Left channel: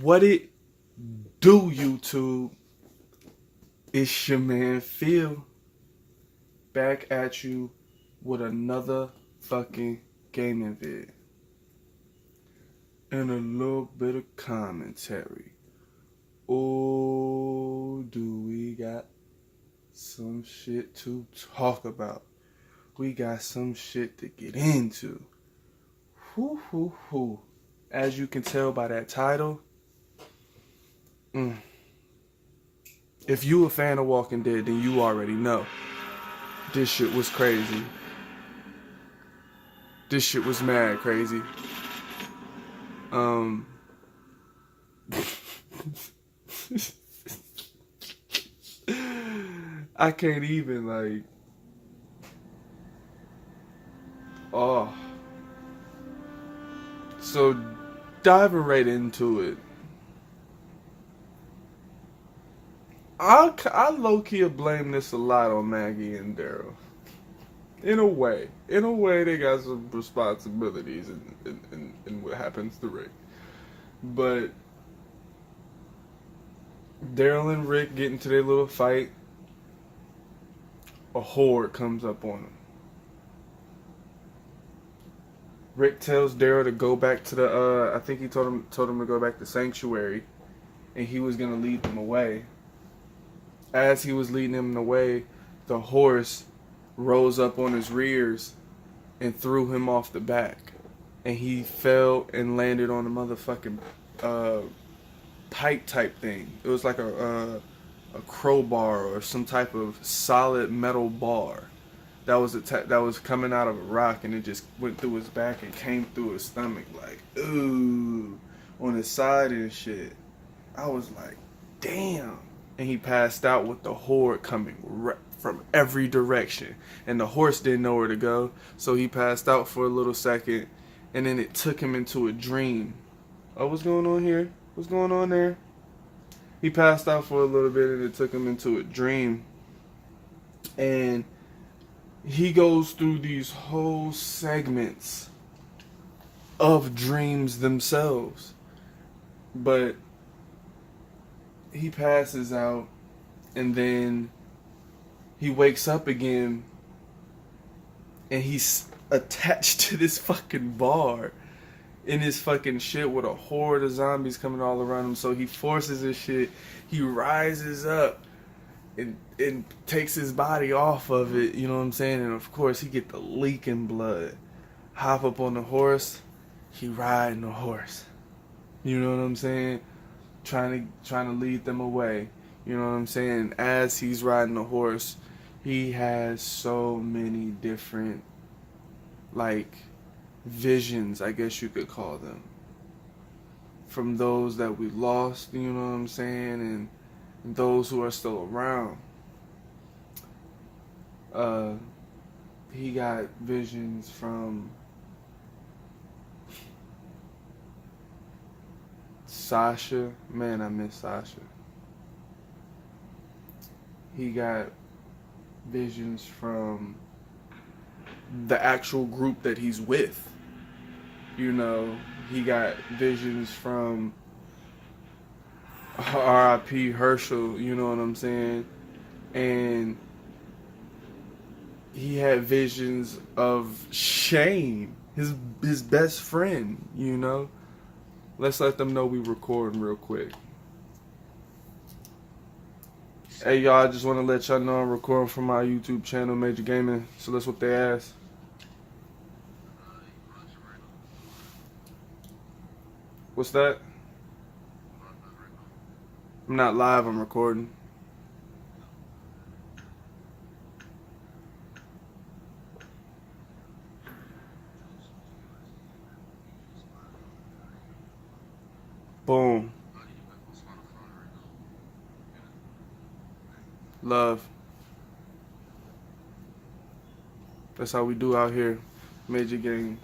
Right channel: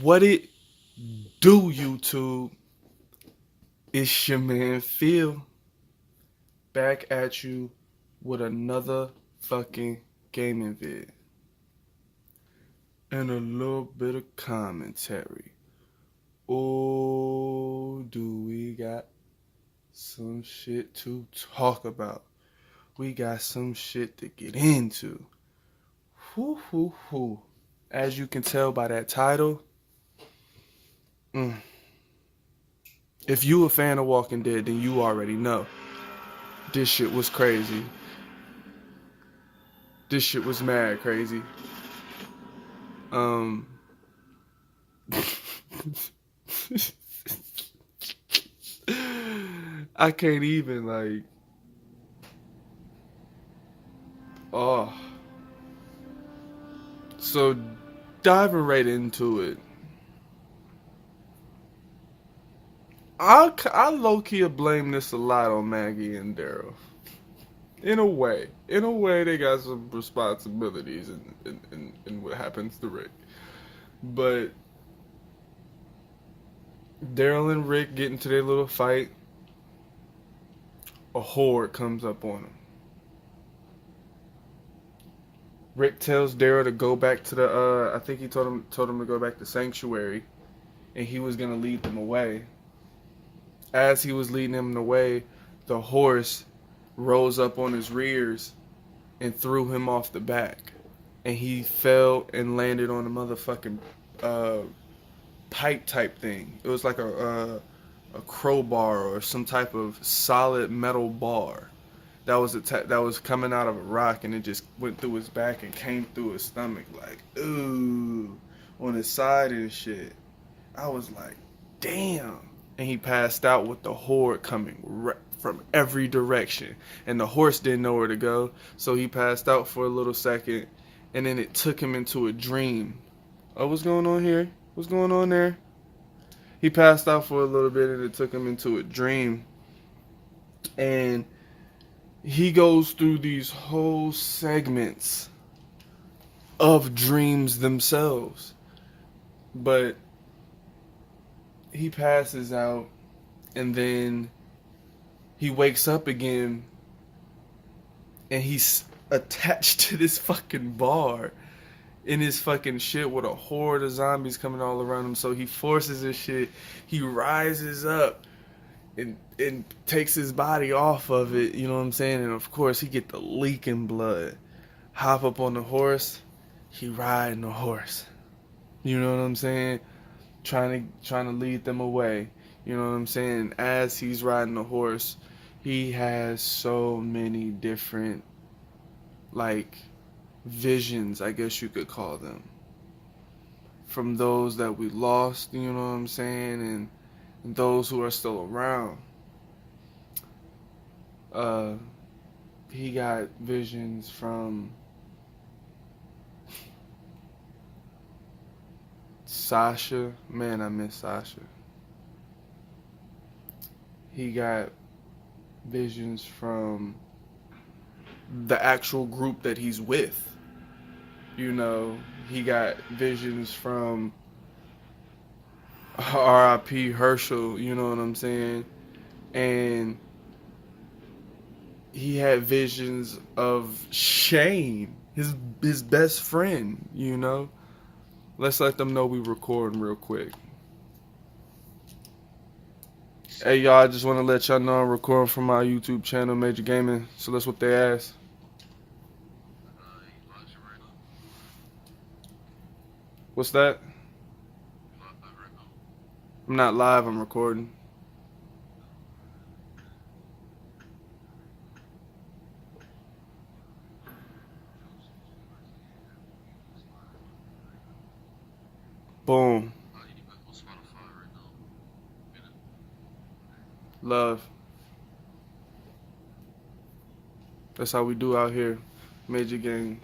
What it do, YouTube? It's your man Phil back at you with another fucking gaming vid and a little bit of commentary. Oh, do we got some shit to talk about? We got some shit to get into. Whoo, whoo, whoo. As you can tell by that title, if you a fan of Walking Dead, then you already know this shit was crazy. This shit was mad crazy. Um, I can't even oh. So diving right into it, I low key blame this a lot on Maggie and Daryl. In a way, they got some responsibilities in what happens to Rick. But Daryl and Rick get into their little fight. A horde comes up on them. Rick tells Daryl to go back to the. I think he told him to go back to Sanctuary, and he was gonna lead them away. As he was leading them away, the horse rose up on his rears and threw him off the back, and he fell and landed on a motherfucking pipe type thing. It was like a crowbar or some type of solid metal bar that was coming out of a rock, and it just went through his back and came through his stomach, like ooh, on his side and shit. I was like, damn. And he passed out with the horde coming from every direction, and the horse didn't know where to go, so he passed out for a little second, and then it took him into a dream. Oh, what's going on here? What's going on there? He passed out for a little bit, and it took him into a dream, and he goes through these whole segments of dreams themselves. But he passes out, and then he wakes up again, and he's attached to this fucking bar in his fucking shit with a horde of zombies coming all around him. So he forces his shit. He rises up and takes his body off of it, you know what I'm saying? And of course he get the leaking blood. Hop up on the horse, he riding the horse. You know what I'm saying? Trying to lead them away. You know what I'm saying? As he's riding the horse, he has so many different visions, I guess you could call them. From those that we lost, you know what I'm saying, and those who are still around. He got visions from Sasha. Man, I miss Sasha. He got visions from the actual group that he's with. You know, he got visions from R.I.P. Herschel, you know what I'm saying? And he had visions of Shane, his best friend, you know? Let's let them know we recording real quick. Hey y'all, I just want to let y'all know I'm recording from my YouTube channel, Major Gaming, so let's whoop their ass. What's that? I'm not live, I'm recording. Boom. Love. That's how we do out here. Major Gang.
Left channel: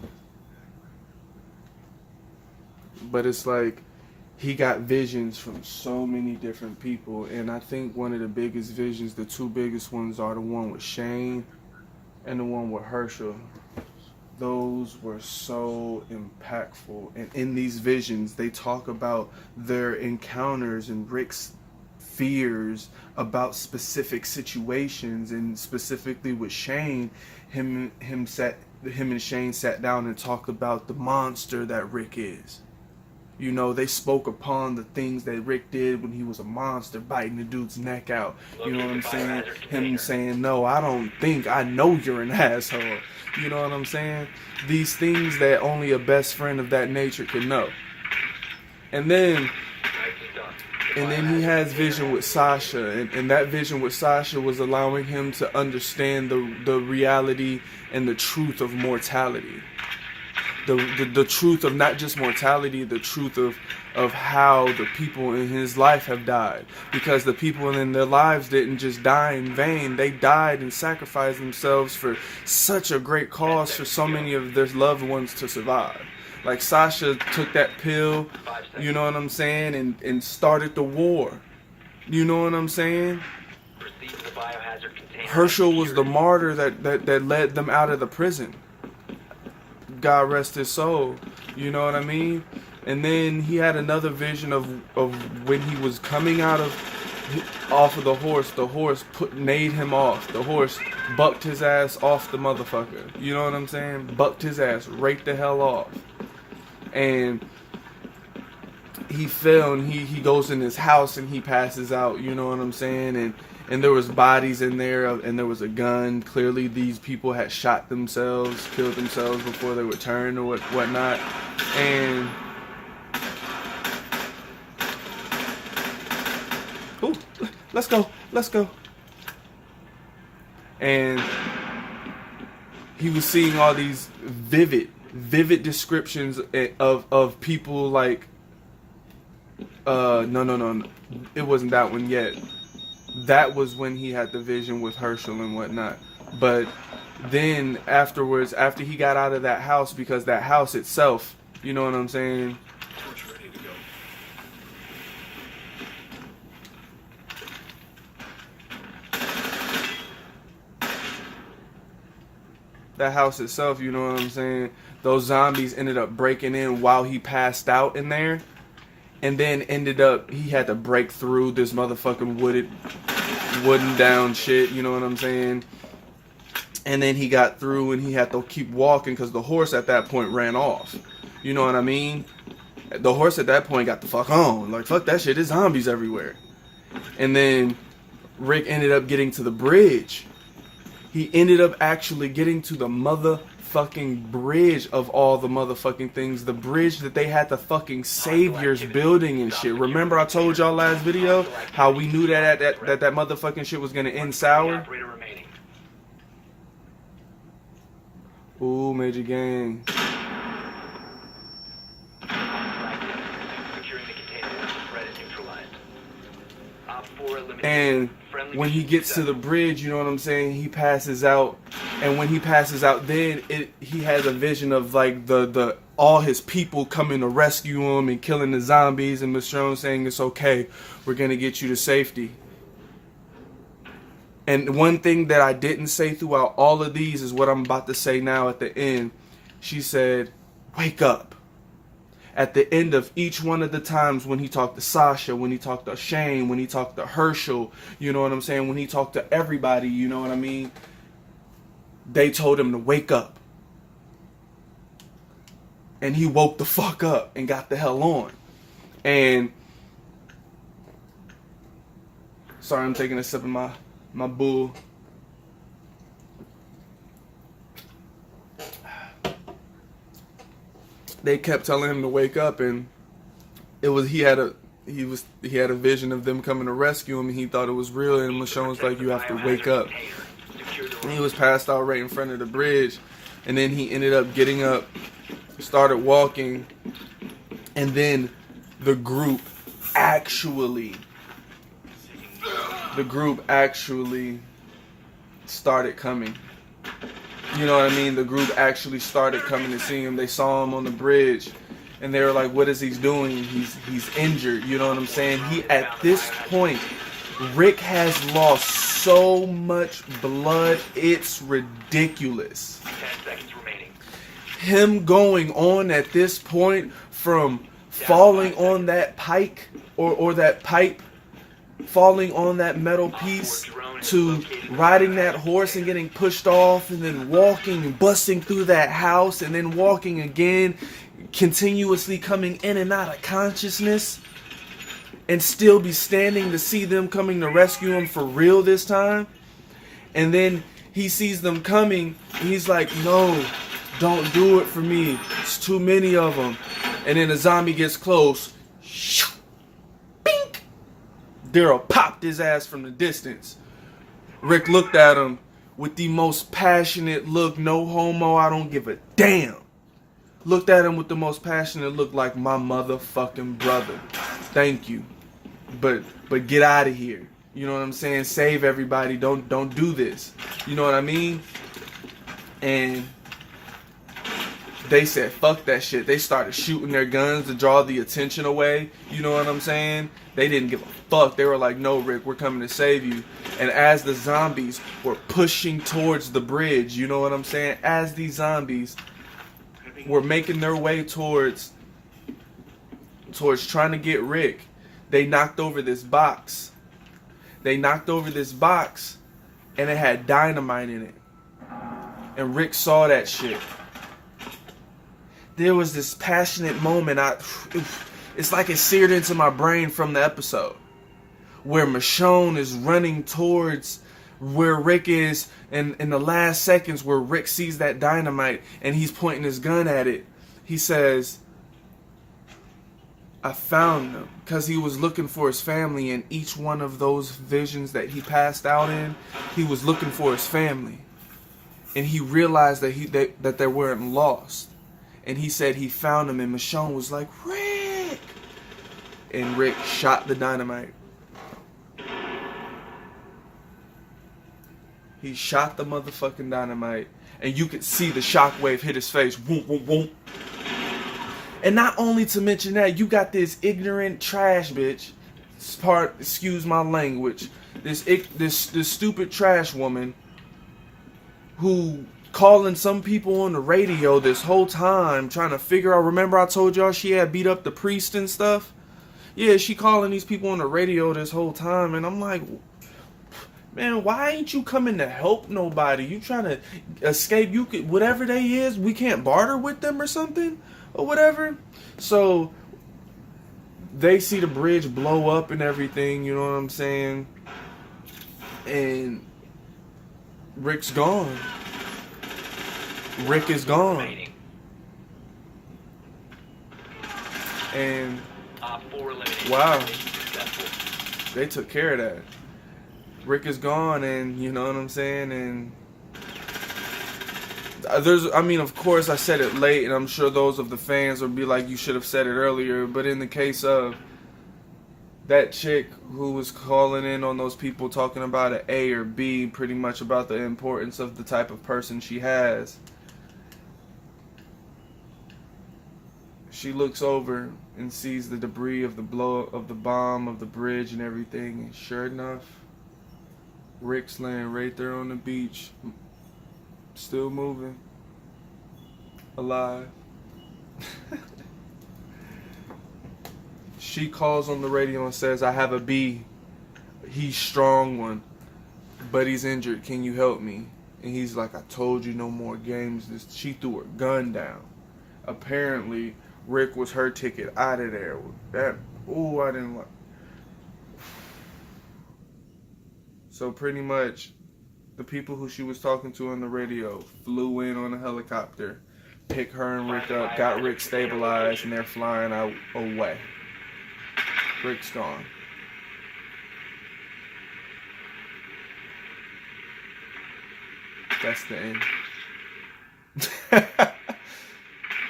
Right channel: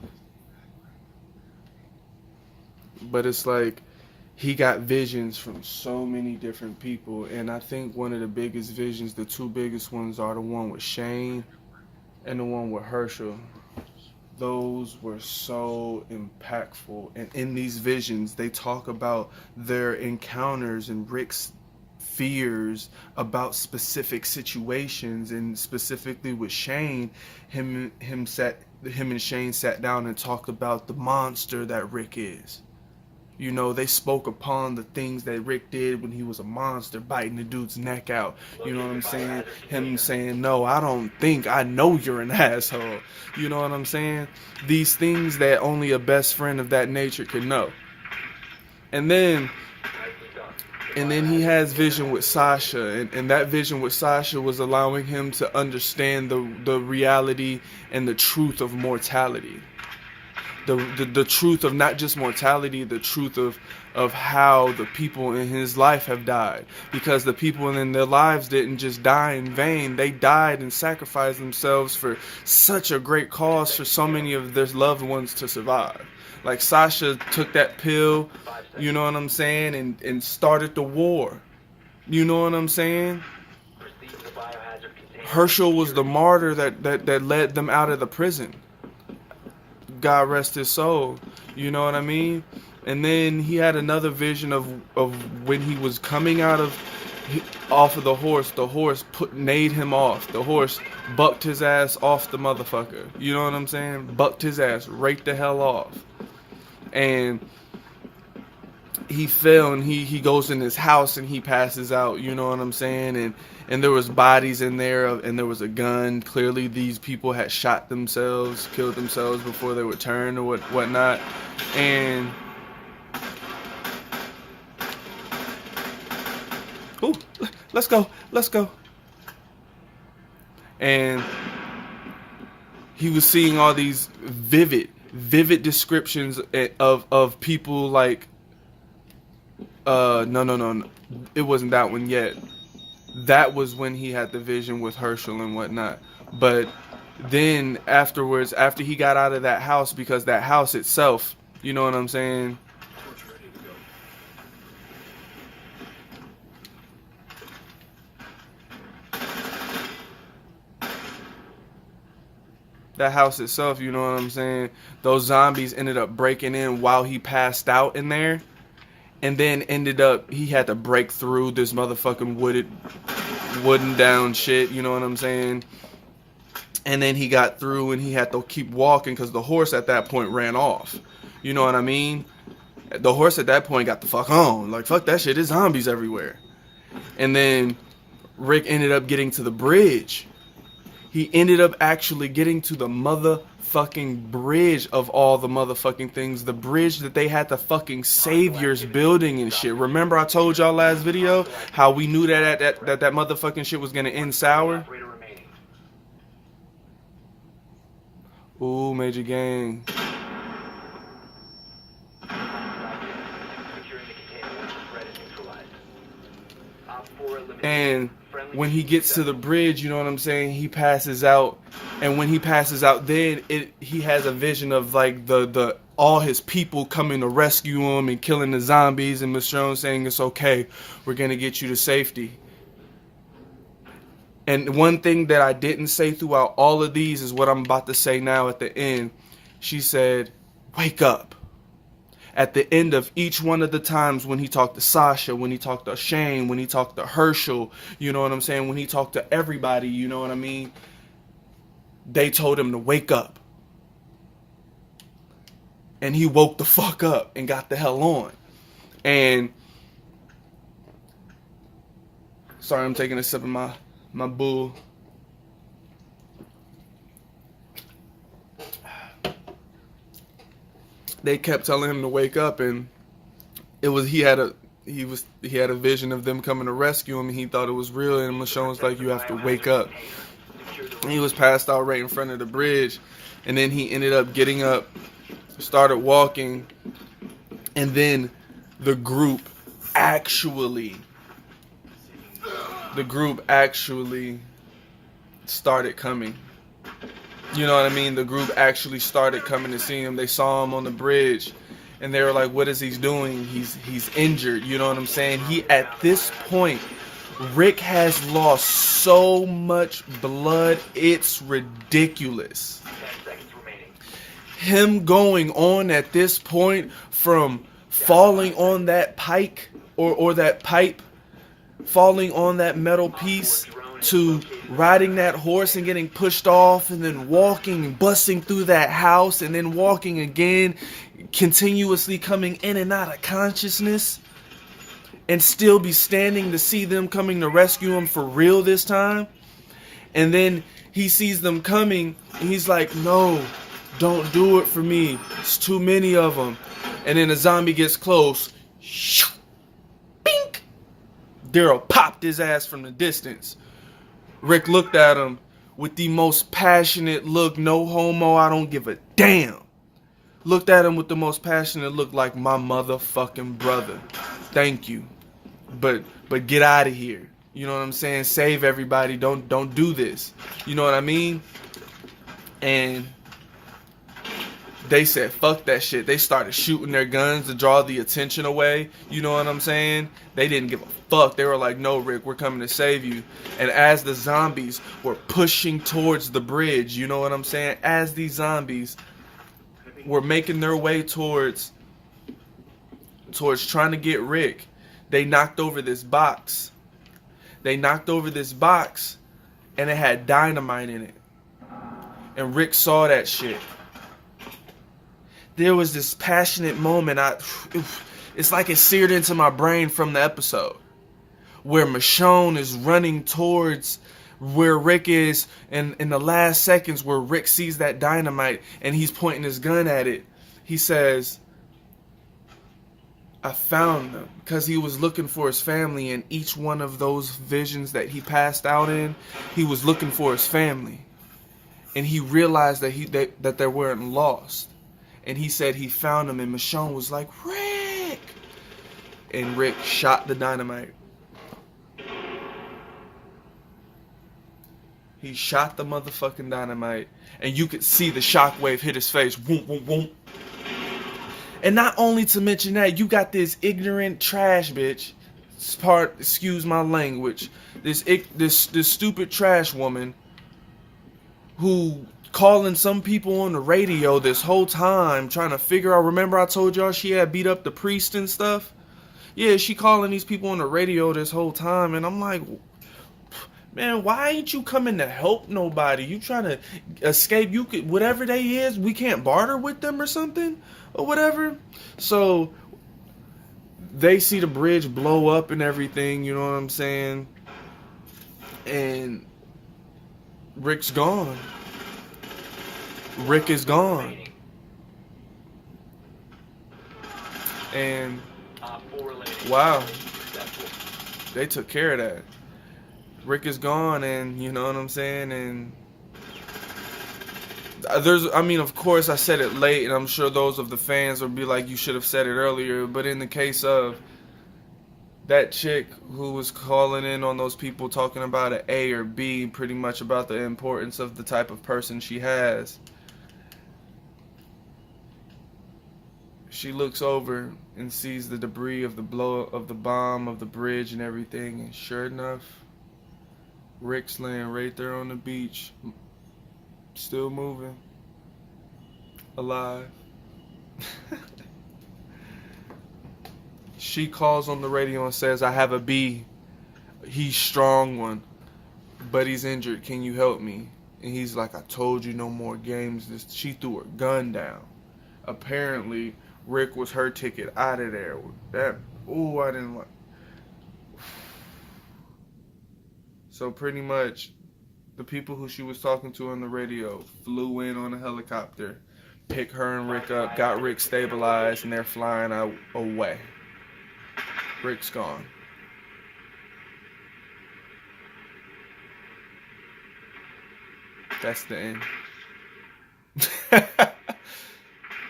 But it's like he got visions from so many different people, and I think one of the biggest visions, the two biggest ones, are the one with Shane and the one with Herschel. those were so impactful. And in these visions, they talk about their encounters and Rick's fears about specific situations, and specifically with Shane, him and Shane sat down and talked about the monster that Rick is. You know, they spoke upon the things that Rick did when he was a monster, biting the dude's neck out. You know what I'm saying? Him saying, no, I don't think, I know you're an asshole. You know what I'm saying? These things that only a best friend of that nature could know. And then he has vision with Sasha, and that vision with Sasha was allowing him to understand the reality and the truth of mortality. The truth of not just mortality, the truth of how the people in his life have died. Because the people in their lives didn't just die in vain. They died and sacrificed themselves for such a great cause for so many of their loved ones to survive. Like Sasha took that pill, you know what I'm saying, and started the war. You know what I'm saying? Herschel was the martyr that led them out of the prison. God rest his soul. You know what I mean? And then he had another vision of when he was coming off of the horse. The horse made him off. The horse bucked his ass off the motherfucker. You know what I'm saying? Bucked his ass right the hell off. And he fell, and he goes in his house and he passes out. You know what I'm saying? And there was bodies in there, and there was a gun. Clearly, these people had shot themselves, killed themselves before they would turn or whatnot. And ooh, let's go. And he was seeing all these vivid descriptions of people like no, it wasn't that one yet. That was when he had the vision with Herschel and whatnot. But then afterwards, after he got out of that house, because that house itself, you know what I'm saying? That house itself, you know what I'm saying? Those zombies ended up breaking in while he passed out in there. And then he had to break through this motherfucking wooden down shit, you know what I'm saying? And then he got through and he had to keep walking because the horse at that point ran off. You know what I mean? The horse at that point got the fuck on. Like, fuck that shit, there's zombies everywhere. And then Rick ended up getting to the bridge. He ended up actually getting to the motherfucking bridge of all the motherfucking things. The bridge that they had the fucking saviors building and shit. Remember I told y'all last video how we knew that motherfucking shit was gonna end sour? Ooh, Major Gang. And when he gets to the bridge, you know what I'm saying, he passes out. And when he passes out, then he has a vision of like the all his people coming to rescue him and killing the zombies, and Michonne saying it's okay, we're gonna get you to safety. And one thing that I didn't say throughout all of these is what I'm about to say now at the end. She said, wake up. At the end of each one of the times when he talked to Sasha, when he talked to Shane, when he talked to Herschel, you know what I'm saying, when he talked to everybody, you know what I mean, they told him to wake up. And he woke the fuck up and got the hell on. And sorry, I'm taking a sip of my bull. They kept telling him to wake up, and he had a vision of them coming to rescue him, and he thought it was real. And Michonne was like, you have to wake up. And he was passed out right in front of the bridge, and then he ended up getting up, started walking, and then the group actually started coming. You know what I mean? The group actually started coming to see him. They saw him on the bridge, and they were like, what is he doing? He's injured. You know what I'm saying? At this point, Rick has lost so much blood, it's ridiculous. 10 seconds remaining. him going on at this point from falling on that pike or that pipe, falling on that metal piece, to riding that horse and getting pushed off, and then walking and busting through that house, and then walking again, continuously coming in and out of consciousness, and still be standing to see them coming to rescue him for real this time. And then he sees them coming, and he's like, no, don't do it for me. It's too many of them. And then the zombie gets close. Bink! Daryl popped his ass from the distance. Rick looked at him with the most passionate look, no homo, I don't give a damn. Looked at him with the most passionate look, like my motherfucking brother. Thank you. But get out of here. You know what I'm saying? Save everybody. Don't do this. You know what I mean? And they said, fuck that shit. They started shooting their guns to draw the attention away. You know what I'm saying? They didn't give a fuck. They were like, no, Rick, we're coming to save you. And as the zombies were pushing towards the bridge, you know what I'm saying? As these zombies were making their way towards trying to get Rick, they knocked over this box. And it had dynamite in it. And Rick saw that shit. There was this passionate moment. It's like it seared into my brain from the episode, where Michonne is running towards where Rick is, and in the last seconds where Rick sees that dynamite and he's pointing his gun at it, he says, I found them, because he was looking for his family. In each one of those visions that he passed out in, he was looking for his family, and he realized that they weren't lost. And he said he found them, and Michonne was like, Rick! And Rick shot the dynamite. He shot the motherfucking dynamite, and you could see the shockwave hit his face. Woom, woom, woom. And not only to mention that, you got this ignorant trash bitch, excuse my language, this stupid trash woman who calling some people on the radio this whole time, trying to figure out, remember I told y'all she had beat up the priest and stuff? Yeah, she calling these people on the radio this whole time, and I'm like, man, why ain't you coming to help nobody? You trying to escape? You could, whatever they is, we can't barter with them or something? Or whatever. So they see the bridge blow up and everything, you know what I'm saying? And Rick's gone. Rick is gone. And wow, they took care of that. Rick is gone, and you know what I'm saying? And of course I said it late, and I'm sure those of the fans will be like, you should have said it earlier. But in the case of that chick who was calling in on those people talking about an A or B, pretty much about the importance of the type of person she has, she looks over and sees the debris of the bomb of the bridge and everything, and sure enough, Rick's laying right there on the beach, still moving, alive. She calls on the radio and says, I have a B. He's strong one, but he's injured. Can you help me? And he's like, I told you, no more games. She threw her gun down. Apparently, Rick was her ticket out of there. I didn't like. So pretty much, the people who she was talking to on the radio flew in on a helicopter, picked her and Rick up, got Rick stabilized, and they're flying out away. Rick's gone. That's the end.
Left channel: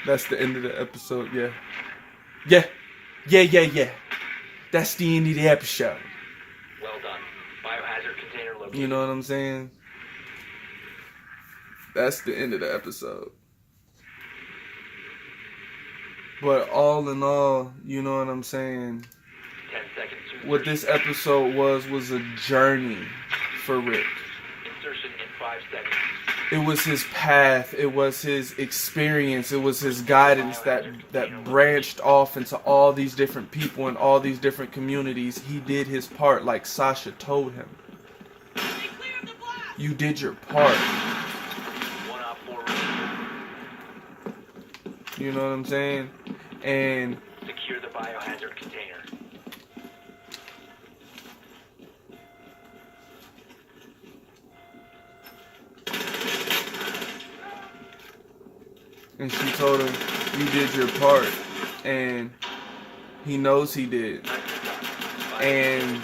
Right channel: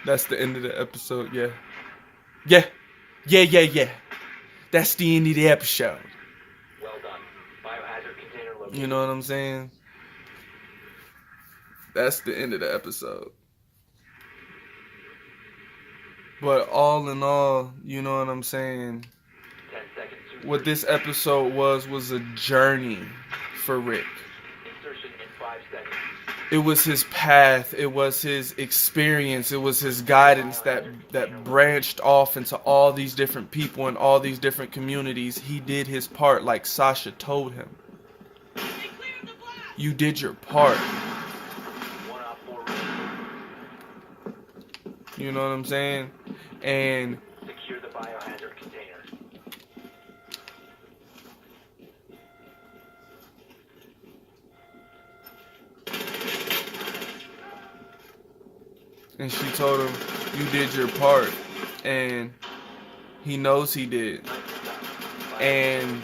That's the end of the episode, yeah. Yeah. That's the end of the episode. Well done. Biohazard container located. You know what I'm saying? That's the end of the episode. But all in all, you know what I'm saying? 10 seconds. What this episode was a journey for Rick. Insertion in 5 seconds. it was his path, it was his experience, it was his guidance that branched off into all these different people and all these different communities. He did his part like Sasha told him. You did your part. One op 4 You know what I'm saying? And secure the biohazard container. and she told him, you did your part. And he knows he did. And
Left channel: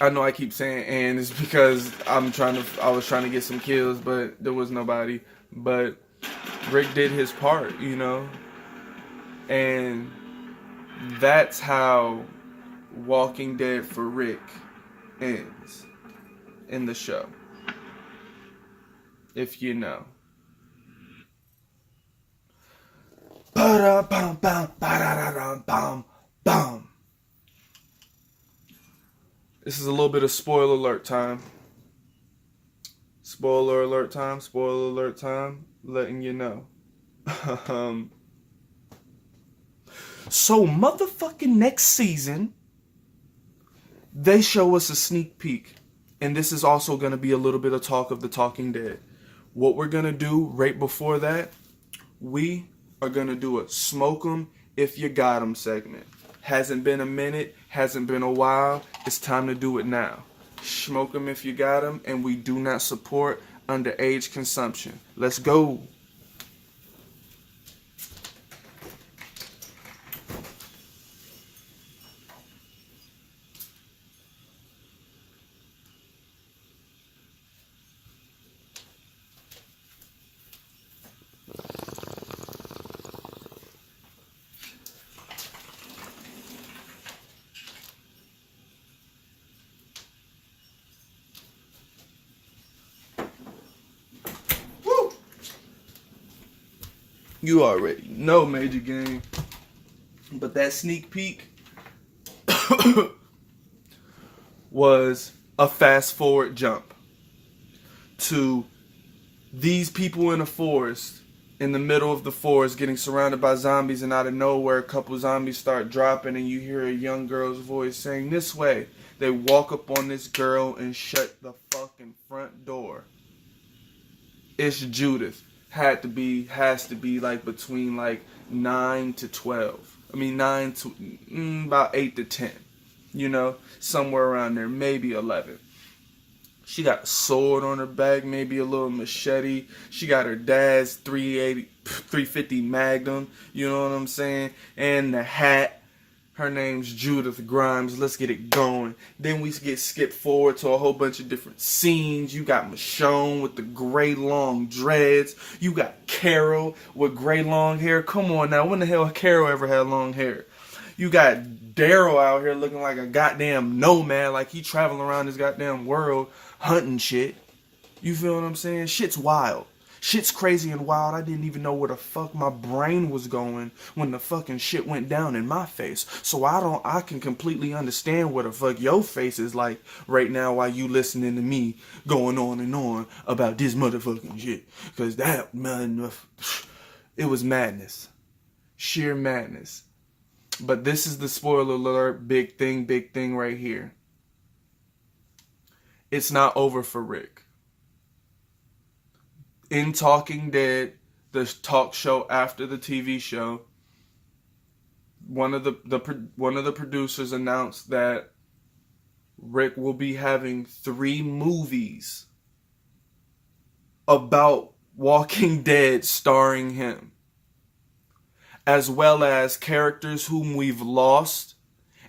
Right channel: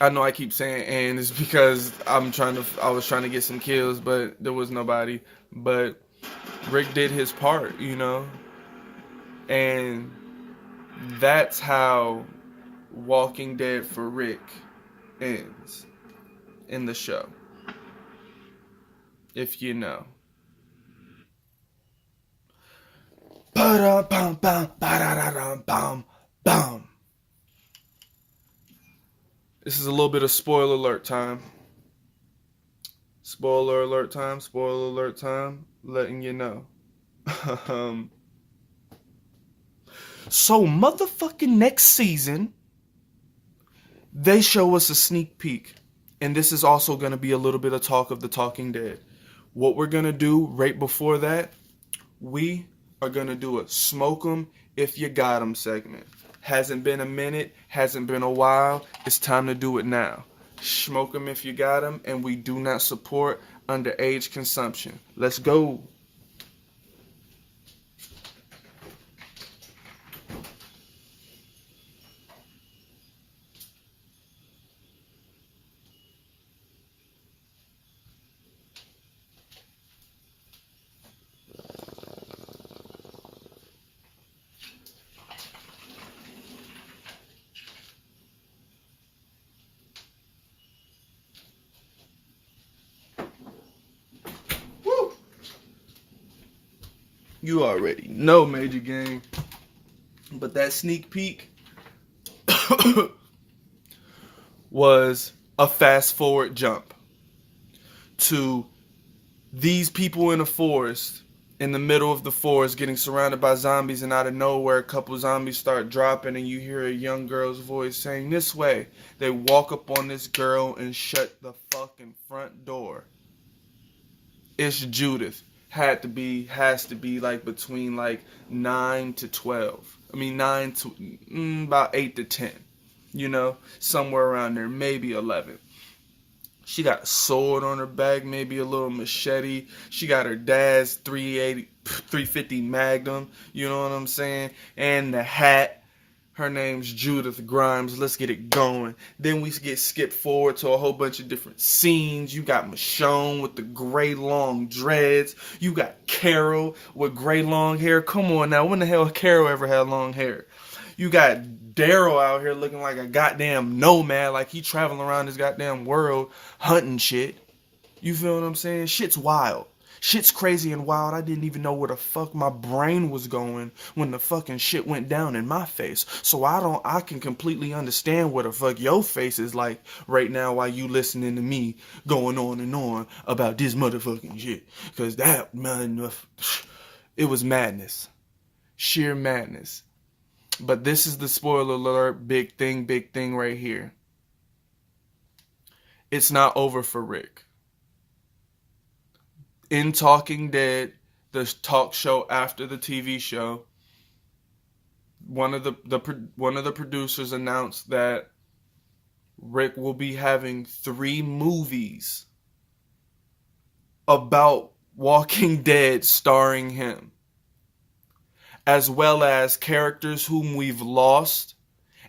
I know I keep saying and it's because I was trying to get some kills, but there was nobody. But Rick did his part, you know? And that's how Walking Dead for Rick ends in the show. If you know. This is a little bit of spoiler alert time. Spoiler alert time, spoiler alert time, letting you know. So motherfucking next season, they show us a sneak peek. And this is also going to be a little bit of talk of The Talking Dead. What we're going to do right before that, we are going to do a smoke 'em if you got 'em segment. Hasn't been a minute, hasn't been a while. It's time to do it now. Smoke 'em if you got 'em, and we do not support underage consumption. Let's go. You already know, Major Gang. But that sneak peek was a fast forward jump to these people in the forest, in the middle of the forest, getting surrounded by zombies, and out of nowhere, a couple zombies start dropping, and you hear a young girl's voice saying, "This way." They walk up on this girl and shut the fucking front door. It's Judith. Has to be like between like 9 to 12. I mean 9 to about 8 to 10. You know, somewhere around there, maybe 11. She got a sword on her back, maybe a little machete. She got her dad's 350 Magnum, you know what I'm saying? And the hat. Her name's Judith Grimes. Let's get it going. Then we get skipped forward to a whole bunch of different scenes. You got Michonne with the gray long dreads. You got Carol with gray long hair. Come on now. When the hell Carol ever had long hair? You got Daryl out here looking like a goddamn nomad. Like he traveling around this goddamn world hunting shit. You feel what I'm saying? Shit's wild. Shit's crazy and wild. I didn't even know where the fuck my brain was going when the fucking shit went down in my face. So I can completely understand what the fuck your face is like right now while you listening to me going on and on about this motherfucking shit. Cause that, man, it was madness. Sheer madness. But this is the spoiler alert, big thing right here. It's not over for Rick. In Talking Dead, the talk show after the TV show, one of the producers announced that Rick will be having 3 movies about Walking Dead starring him, as well as characters whom we've lost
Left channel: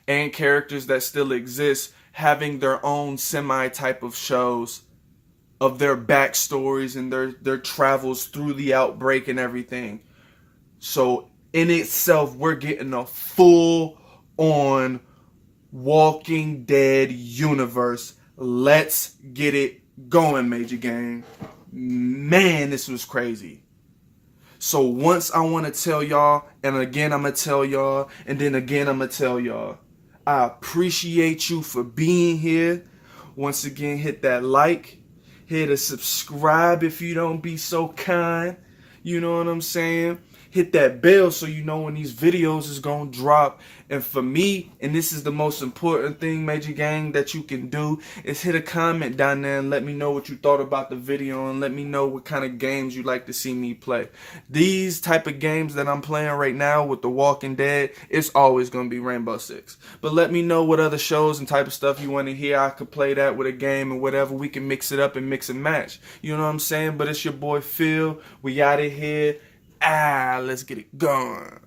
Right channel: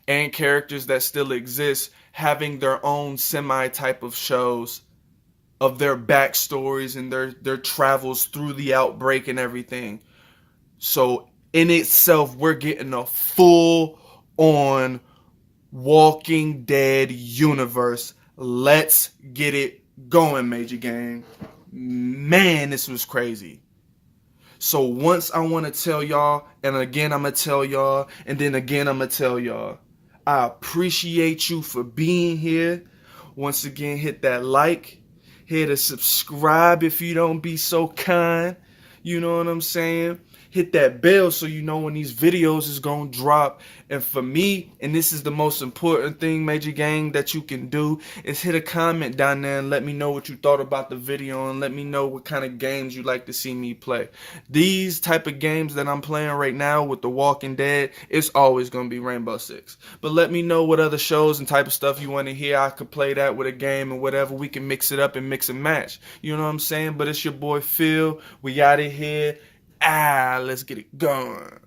and characters that still exist having their own semi-type of shows of their backstories and their travels through the outbreak and everything. So in itself, we're getting a full-on Walking Dead universe. Let's get it going, Major Gang. Man, this was crazy. So once I want to tell y'all, and again I'm going to tell y'all, and then again I'm going to tell y'all, I appreciate you for being here. Once again, hit that like. Hit a subscribe if you don't be so kind. You know what I'm saying? Hit that bell so you know when these videos is gonna drop. And for me, and this is the most important thing, Major Gang, that you can do, is hit a comment down there and let me know what you thought about the video, and let me know what kind of games you like to see me play. These type of games that I'm playing right now with The Walking Dead, it's always gonna be Rainbow Six. But let me know what other shows and type of stuff you want to hear. I could play that with a game or whatever. We can mix it up and mix and match. You know what I'm saying? But it's your boy Phil. We out of here. Let's get it going.